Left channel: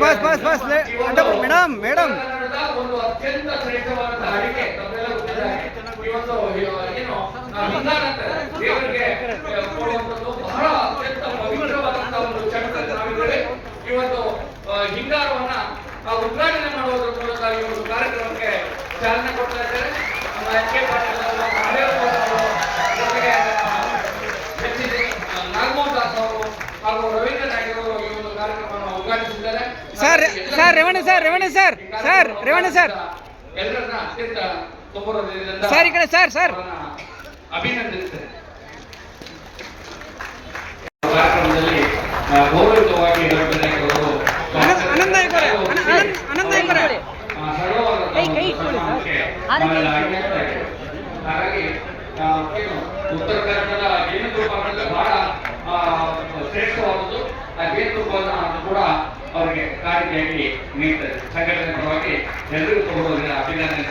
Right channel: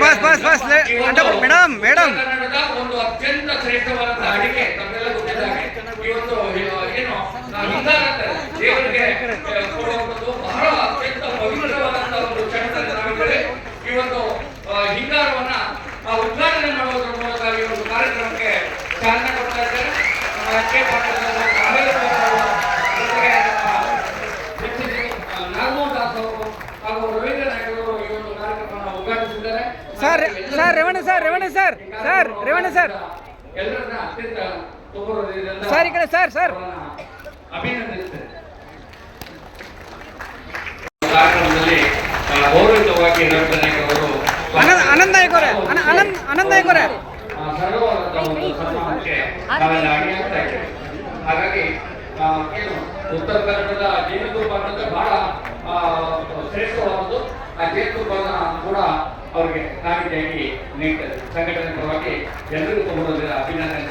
Bus bus bus bus madam madam. ಒಂದು ಅತ್ಯಂತ ಶ್ರೇಷ್ಠವಾದಂತಹ ಅಡಿಗೆ ಉದ್ಘಾಟನೆ ಮಾಡುವುದರ ಮೂಲಕ ಈ ಒಂದು ಕಾರ್ಯಕ್ರಮಕ್ಕೆ ಚಾಲನೆ ಕೊಡ್ತಾ ಇದ್ದಾರೆ ಅವರು, ಕಾವೇರಿ ಅವರು, ಜೊತೆಗೆ ಆ, ಜಗದೀಶ್, ಆ, ನಾಗಮೋಹನ್ ದಾಸ್ ಅವರು ಹಾಗೂ ರವೀಂದ್ರ ನಾಯ್ಕ ಅವರು ಈ ಒಂದು ಕಾರ್ಯಕ್ರಮವನ್ನು ಉದ್ಘಾಟಿಸಿದ್ದಾರೆ sir Revanna sir Revanna sir sir Revanna sir. Sir ಈ ಕಡೆ ಸರ್ ಸರ್. ಆನಂದ್ ಆನಂದ್ ನಾಯ್ಕ ಅವರೇ ಅನ- ಆನಂದ್ ಆನಂದ್. ಹಾಗಾಗಿ ಏನು ಉತ್ತರ ಕನ್ನಡದ ಅನ್ನೋದು ಬಹಳ ಶ್ರೇಷ್ಠವಾದದ್ದು ಆ ಕೂಡ ಅವರಿಗೆ ಕಾಣಿಕೆಯಾಗಿ ನೀಡ್ತಾರೆ ಸಂಘಟನೆ ಪರವಾಗಿ ಎಲ್ಲರಿಗೂ ತಗೊಳ್ಳೋದಿಲ್ಲ ಅಭಿನಂದನೆ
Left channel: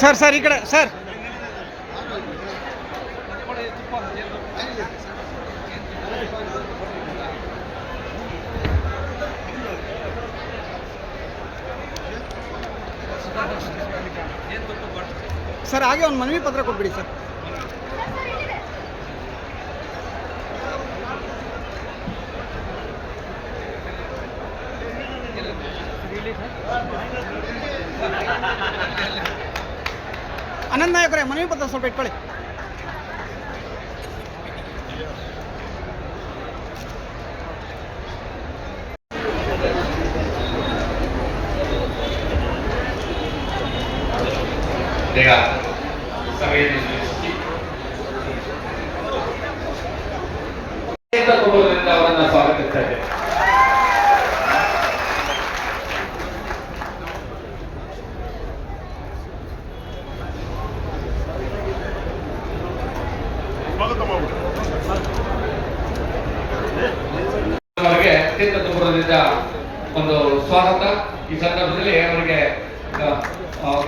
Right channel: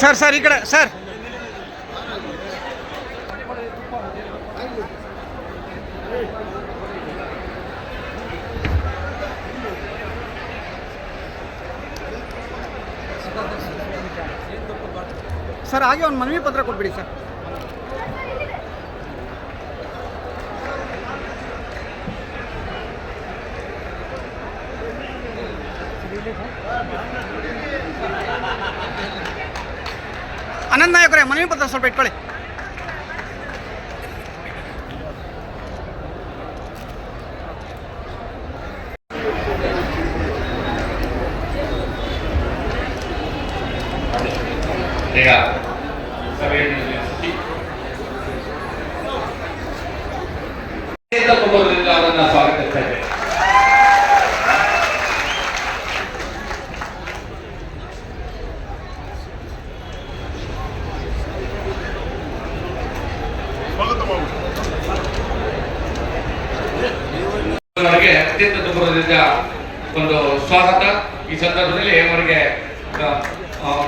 ಸರ್ ಸರ್ ಈ ಕಡೆ ಸರ್ ಸರ್ ಹಾಗೆ ಒಂದು ಮನವಿ ಪತ್ರ ಕೊಟ್ಬಿಡಿ ಸರ್. ಅನಂತ್ ನಾಯಕರೇ ಮನವಿ ಪತ್ರ ಸ್ವಲ್ಪ ಇಟ್ಕೊಳ್ಳಿ. ಈಗ ಸಭೆಯನ್ನು ನಿಲ್ಲಿಸಿ ಕುಟುಂಬದಿಂದ ಅವರನ್ನ ಸ್ವಾಗತಿಸ್ತಾ ಇದ್ದೇವೆ ಅವರಿಗೆ ಅತ್ಯಂತ ಗೌರವದಿಂದ ಒಂದು ಸ್ವಾಗತ. ಈ ಸಂದರ್ಭದಲ್ಲಿ ಅವರಿಗೆ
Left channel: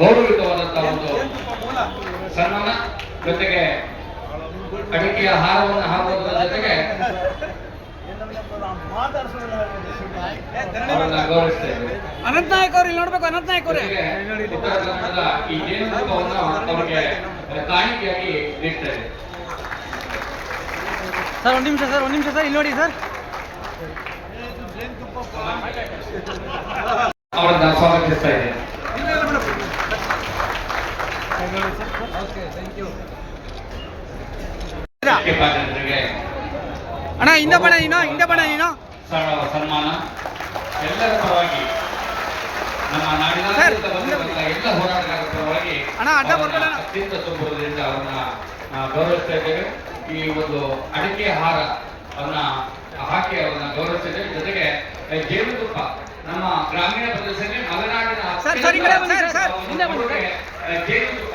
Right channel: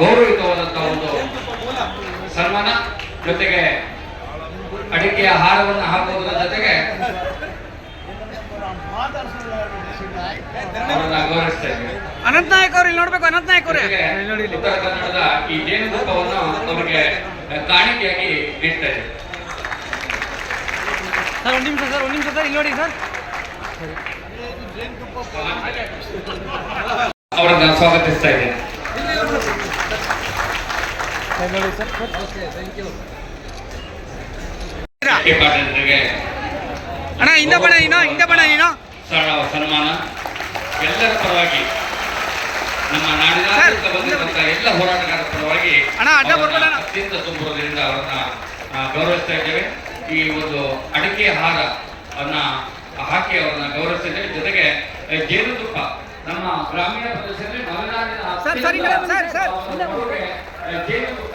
ಗೌರವಿತವಾದಂತಹ ಒಂದು ಸನ್ಮಾನ ಜೊತೆಗೆ ಅಡಿಕೆಯ ಹಾರವನ್ನು ಹಾಕುವುದರ ಜೊತೆಗೆ ಅನಂತ್ ನಾಯಕ್ ಅವ್ರು ಇಲ್ಲಿ ನೋಡ್ಬೇಕು ಅನಂತ ನಾಯಕ್ ಅವರೇ. ಉತ್ತರ ಕನ್ನಡದ ಈ ಜೇನುತುಪ್ಪವನ್ನು ಅವರಿಗೆ ಕಾಣಿಕೆಯಾಗಿ ನೀಡ್ತಾ ಇದೆ ಸರ್ ಒಂದು ನಿಮಿಷ ಸರ್ ಒಂದು ನಿಮಿಷ ಸರ್ ಇಲ್ಲಿ ನೋಡಿ ಸರ್. ಅವರನ್ನ ಸ್ವಾಗತಿಸ್ತಾ ಇದ್ದೇನೆ. ಅಣ್ಣ ಹಿಂದೆ ಬಣ ನೀನು ಹಿಂದೆ ಬಣ ನೀನು ಸನ್ಮಾನ ಎಲ್ಲರ ಪರವಾಗಿ ನಮ್ಮ ನಾಡಿನ ಎಲ್ಲ ಹೋರಾಟಗಾರರ ಪರವಾಗಿ ಅಣ್ಣ, ಅಡ್ಡ ಬರ್ಬೇಡ. ಅತ್ಯಂತ ತುಂಬುವುದರಿಂದ ಅವರನ್ನ ಗೌರವಿಸ್ತಾ ಇದ್ದೇವೆ ಈ ಒಂದು ಅಡಿಕೆ ಹಾರ ಅನ್ನ ಹಾಕಿ ಅವರನ್ನ ಗೌರವಿಸಿದ್ದೇವೆ ಜೊತೆಗೆ ಜೇನುತುಪ್ಪ ನಮ್ಮ ಗ್ರಾಮೀಣ ಪ್ರದೇಶದಲ್ಲಿ ಮಲೆನಾಡಿನ ಸರ್, ಸರ್, ಸರ್, ಸರ್. ಅವರ ಜೇನುತುಪ್ಪ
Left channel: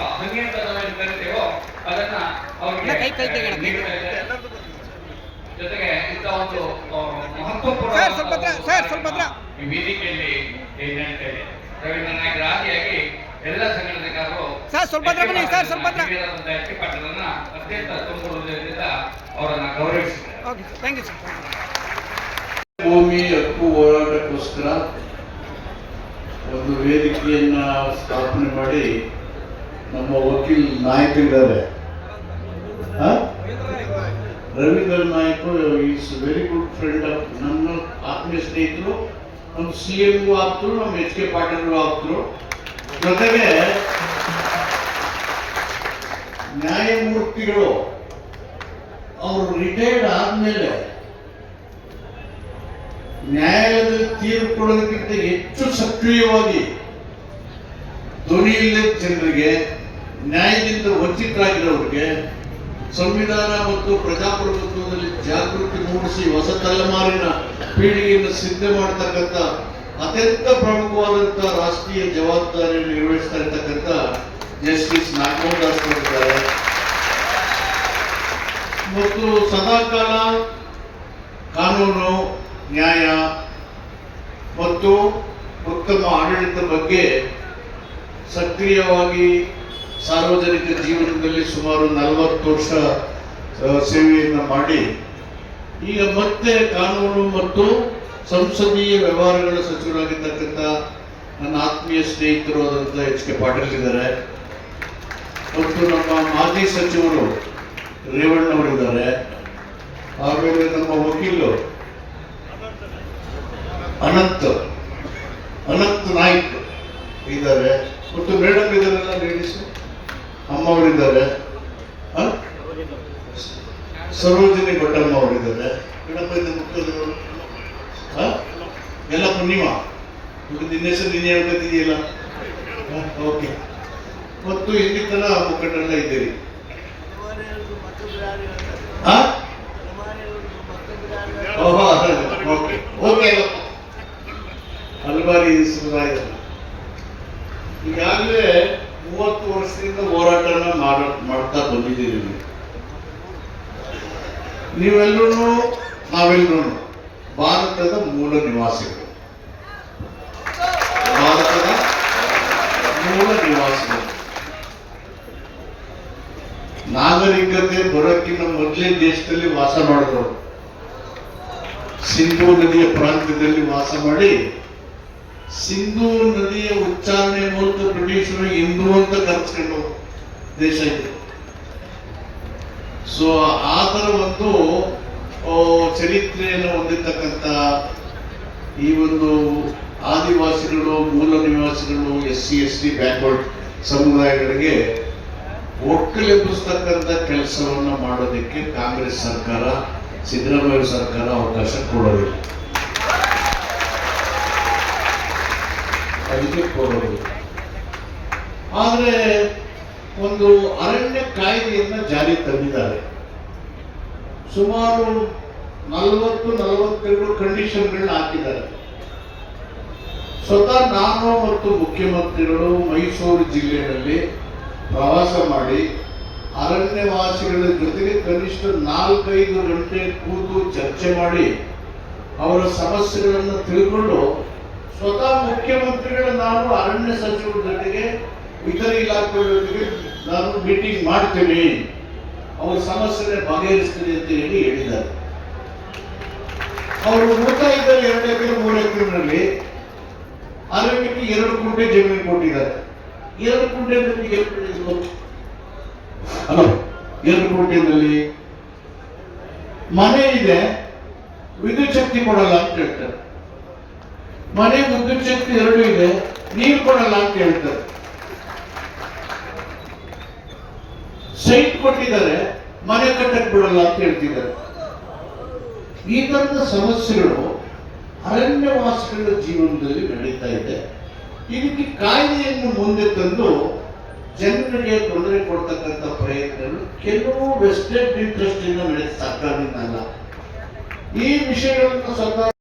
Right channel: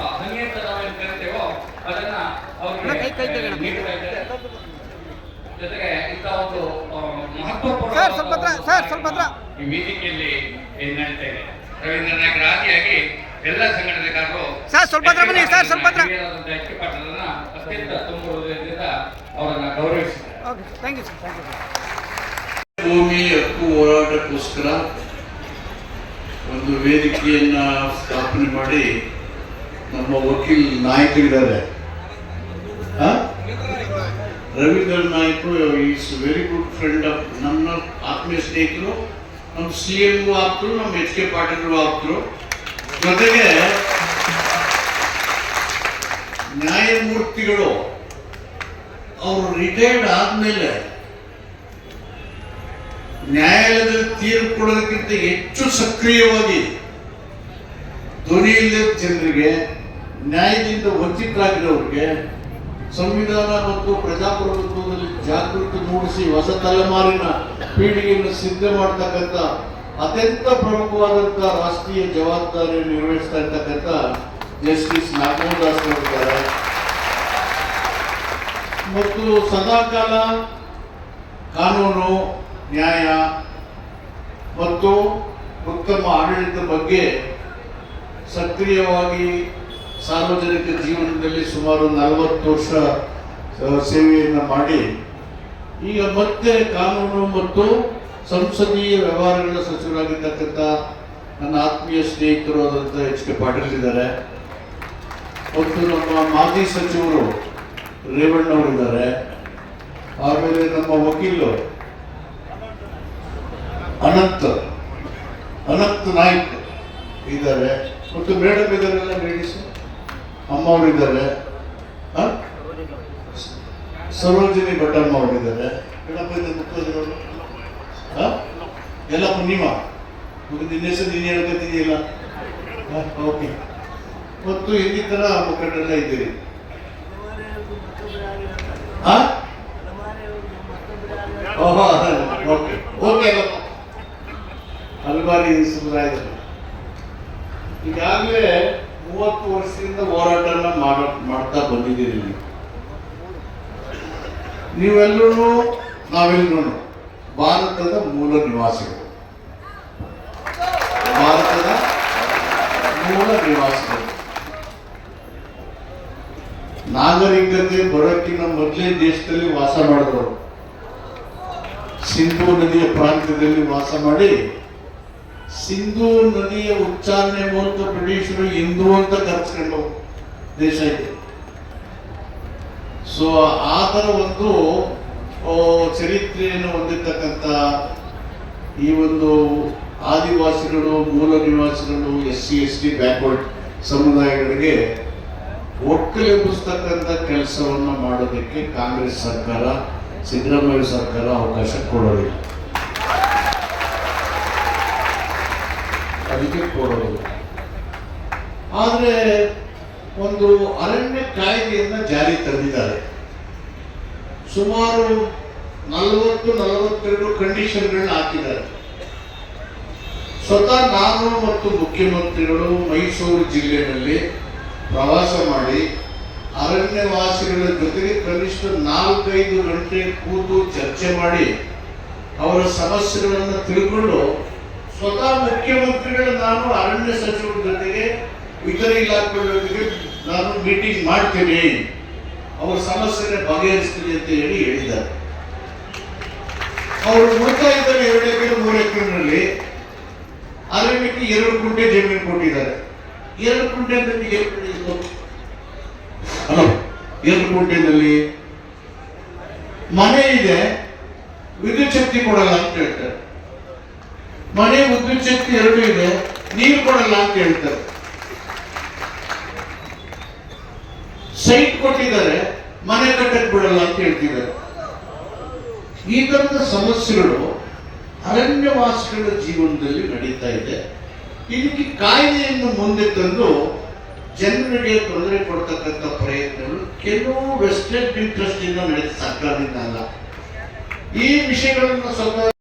ಕೈ, ಕೈ ಜೊತೆಗೆ ಇಂಥ ಒಂದು ಆ, ಸರ್, ಸ್ವಲ್ಪ ಹತ್ರ, ಸರ್, ಸ್ವಲ್ಪ ಹತ್ರ. ಈ ವೇದಿಕೆಯಲ್ಲಿ ರವೀಂದ್ರ ಎಲ್ಲ ಸಂಘಟನೆಗಾರರು ಸರ್, ಸ್ವಲ್ಪ ಹತ್ರ ಬನ್ನಿ, ಸರ್, ಸ್ವಲ್ಪ ಹತ್ರ. ಅತ್ಯಂತ ತುಂಬುವುದರಿಂದ ಅವರನ್ನ ಗೌರವಿಸಿದ್ದಾರೆ okay thank you sir thank you ಭೂಮಿ ಹಕ್ಕು ಹೋರಾಟಕ್ಕೋಸ್ಕರ ಒಂದು ವೇದಿಕೆಯನ್ನ ಸ್ಥಾಪನೆ ಮಾಡಿ ನಮ್ಮ ವಕೀಲ್ ನಾಯಕರಿದ್ದಾರೆ? Ravindra Naik is very good friend of ನನ್ನ ಆತ್ಮೀಯ ಸ್ನೇಹಿತರು, ನಮ್ಮ ಸಿ ಎಂ ಆಗ್ತರು ನಮ್ಮ ಎಚ್ ಕೆ ಪಾಟೀಲ್ ಆಗ್ತರು ಜೊತೆಗೆ ನ್ಯಾಯಮೂರ್ತಿಗಳು, ಅವರು ರಿಟೈರ್ಡ್ ಆದ್ಮೇಲೆ ನ್ಯಾಯಾಲಯದಲ್ಲಿ ತೀರ್ಪು ಕೊಡೋದಕ್ಕಿಂತ ಹೆಚ್ಚು ಸಕ್ರಿಯವಾಗಿ ಧ್ವನಿ ಜನರಿಗೆ, ನ್ಯಾಯದಿಂದ ವಂಚಿತರಾಗಿರೋರಿಗೆ ಸಂವಿಧಾನ ಮತ್ತು ಪ್ರಜಾಪ್ರಭುತ್ವದಲ್ಲಿ ಜಾಗೃತಿ ಮೂಡಿಸಿ ಹೊಸ ತಲೆಮಾರಿನ ಪೀಳಿಗೆಯನ್ನು ಸಿದ್ಧ ಮಾಡತಕ್ಕಂಥ ಅತ್ಯಂತ ಪ್ರಮುಖವಾದಂಥ ರಾಷ್ಟ್ರೀಯ ಜವಾಬ್ದಾರಿಯನ್ನು ನಿರ್ವಹಿಸ್ತಾ ಇರ್ತಕ್ಕಂಥ ಜಸ್ಟಿಸ್ ನಾಗಮೋಹನ್ ಅವರಿದ್ದಾರೆ. ಮತ್ತು ಸದಾಕಾಲ ಕಾನೂನು, ನ್ಯಾಯ ಮತ್ತು ಉತ್ತಮ ಆಡಳಿತದ ಬಗ್ಗೆ ಸಕ್ರಿಯವಾಗಿ ಸಾರ್ವಜನಿಕ ಜೀವನದಲ್ಲಿ ಸುಮಾರು ನಲವತ್ತು ವರ್ಷ ಸೇವೆಯನ್ನು ಮಾಡಿ, ಈಗ ಮತ್ತೆ ಕಾನೂನು ಮತ್ತು ಸಂಸದೀಯ ವ್ಯವಹಾರಗಳ ಸಚಿವರಾಗಿರ್ತಕ್ಕಂಥ ನನ್ನ ಆತ್ಮೀಯ ಸ್ನೇಹಿತರು ಆದಂಥ ಎಚ್ ಕೆ ಪಾಟೀಲ್ ಇದ್ದಾರೆ. ಮತ್ತು ನಮ್ಮ ಮಾಜಿ ಸಚಿವರು ರೇವಣ್ಣವರಿದ್ದಾರೆ. ಆಮೇಲೆ ನಮ್ಮ ವಕೀಲು ಅನಂತ್ ಅನಂತ್ ನಾಯ್ಕ್ ಇದ್ದಾರೆ. ಮತ್ತು ಮೇಡಮ್ ಇದ್ದಾರಲ್ಲ ಲೇಡೀಸ್ ಅಮ್ಮ ಅವರಿದ್ದಾರೆ? ಸರೋಜಿನಿ ಭಟ್ಟಮ್ಮ ಅವರಿದ್ದಾರೆ? ಎಲ್ಲ ಪೂರ್ಣಿಮಾ ನಿನ್ನ ಹೆಸರು ನೀನು ಹೇಳ್ಕೊತಿದೆಯಲ್ಲ ಓಕೆ ಮತ್ತು ಇನ್ನಿತರ ಮುಖಂಡರೆಲ್ಲ ಇದ್ದೀರಿ. ಓಕೆ ಸಮುದಾಯದಲ್ಲಿ. ಈಗಾಗಲೇ ಮೂವತ್ತು ವರ್ಷದಿಂದ ಹೋರಾಟನ ಮಾಡ, ಮಾಡ್ತಾ ಬಂದಿದ್ದೀರಿ ನೀವು. ನೀವೆಲ್ಲರೂ ನಾವೆಲ್ಲರೂ ಭಾರತದ ಮೂಲ ನಿವಾಸಿಗಳು. ಭಾರತದ ಮೂಲ ನಿವಾಸಿಗಳು. ನಾಗರಿಕತೆ ಬರೋಕ್ಕಿಂತ ಮೊದಲೇ ದೇಶದಲ್ಲಿ ವಾಸ ಮಾಡಿದವರು. ಸಿಂಧೂ ನದಿಯ ಪ್ರಾಂತ್ಯದಲ್ಲಿ ವಾಸ ಮಾಡಿ ಸಿಂಧೂ ನದಿಯ ಉಚ್ಚಾರಣೆ ಮೂಲಕ ಬ್ರಿಟಿಷರು ಹಿಂದೂ ಅಂತ ಕರೆಸ್ಕೊಂಡು ದೇಶ ಇದೆ. ಸೊ ಆ ಥರ ಒಂದು ಚರಿತ್ರೆಯನ್ನು ಹೊಂದಿರತಕ್ಕಂಥ ಈ ಒಂದು ಆದಿವಾಸಿಗಳು, ಮೂಲ ನಿವಾಸಿಗಳು S C S T backward ಸಮುದಾಯಗಳಿಗೆ ಒಕ್ಕಲೆಬ್ಬಿಸ್ತಕ್ಕಂಥ ಕೆಲಸವನ್ನು ಮಾಡೋದಕ್ಕೆ ಕಾಂಗ್ರೆಸ್ ಸರ್ಕಾರ, ಸಿದ್ದರಾಮಯ್ಯ ಸರ್ಕಾರ ಅವಕಾಶ ಕೊಡೋದಿಲ್ಲ. ಅದಕ್ಕೆ ಕೊಡೋದು ಆದರೆ ಒಂದು ಅರಣ್ಯ ಕಾಯ್ದೆಯನ್ನು ಜಾರಿ ತಂದಿದ್ದಾರೆ. ಸುಮಾರು ನಲವತ್ತು, ನಲವತ್ತೆರಡು ಕಂಡೀಷನ್ಗಳನ್ನ ಹಾಕಿದ್ದಾರೆ. ಸ್ವತಃ ನಾನು ಮತ್ತು ಮುಖ್ಯಮಂತ್ರಿಗಳು ಮೈಸೂರು ಜಿಲ್ಲೆಯಲ್ಲಿ ಪ್ರವಾಸ ಮಾಡಿ ಅರಣ್ಯವಾಸಿಗಳ ಜೊತೆಗೆ ಕನಿಷ್ಠ ನಾಲ್ಕೈದು ಗಂಟೆ ಕೂತು ಚರ್ಚೆ ಮಾಡಿ ಅವರ ಸಮಸ್ಯೆಗಳನ್ನು ತಿಳ್ಕೊಂಡು ಸ್ವತಃ ಮುಖ್ಯಮಂತ್ರಿಗಳು ನಾನು ಅರಣ್ಯ ಸಚಿವರ ಜೊತೆಗೆ ಇತರ ಇಲಾಖೆಗಳ ಜೊತೆಗೆ ನಾನು ಮೀಟಿಂಗ್ ಮಾಡ್ತೇನೆ. ಅವರ ಸಮಸ್ಯೆನ ಬಗೆಹರಿಸ್ತೀನಿ ಅಂತ ಹೇಳಿ ಹೇಳಿದ್ದಾರೆ. ಅವರು ಉಳಿತಾ ಇದ್ದಾರೆ ಎರಡು ಎಕರೆ, ಮೂರು ಎಕರೆನಲ್ಲಿ. ಅರಣ್ಯಕ್ಕೆ ಎರಡು ಕುಂಟೆ ಜಮೀನು ಕೊಟ್ಟಿದ್ದಾರೆ. ಎರಡು ಕುಂಟೆನಲ್ಲಿ ನಿಮಗೆ ಹಲೋ, ಎರಡು ಕುಂಟೆನಲ್ಲಿ ಮನೆ ಇದೆ. ವಿದ್ಯುತ್ ಶಕ್ತಿ ಕೊಡಲ್ಲ ಅಂತ ಹೇಳ್ತಾರೆ. ಮನೆ ವಿದ್ಯುತ್ ಶಕ್ತಿ ಎರಡು ಇದೆ, ನೀರು ಕೊಡಲ್ಲ ಅಂತ ಹೇಳ್ತಾರೆ. ಸೈಟ್ ಕೊಟ್ಟಿದ್ದಾರೆ, ಮನೆ ಕಟ್ಟಕ್ಕೆ ಬಿಡಲ್ಲ ಅಂತ ಹೇಳ್ತಿದ್ದಾರೆ. ಈ ತರದ ಸಮಸ್ಯೆಗಳು ಅರಣ್ಯವಾಸಿಗಳ ಜೀವನದಲ್ಲಿ ನಡೀತಾ ಇದೆ. ಇದಕ್ಕೆ ಕಾಯ್ದೆಯನ್ನು ಮುಂದೆ ತಂದು ಜನರಿಗೆ ತೊಂದರೆ ಕೊಡ್ತಕ್ಕಂಥ ಪ್ರಯತ್ನಗಳು ಕೆಲವು ವೆಸ್ಟೆಡ್ ಇಂಟ್ರೆಸ್ಟ್ ಇಂದ ನಡೆದ ಸರ್ಕಾರದಿಂದ ಅಲ್ಲ ಈ ವಿಷಯಗಳನ್ನು ಸ್ವತಃ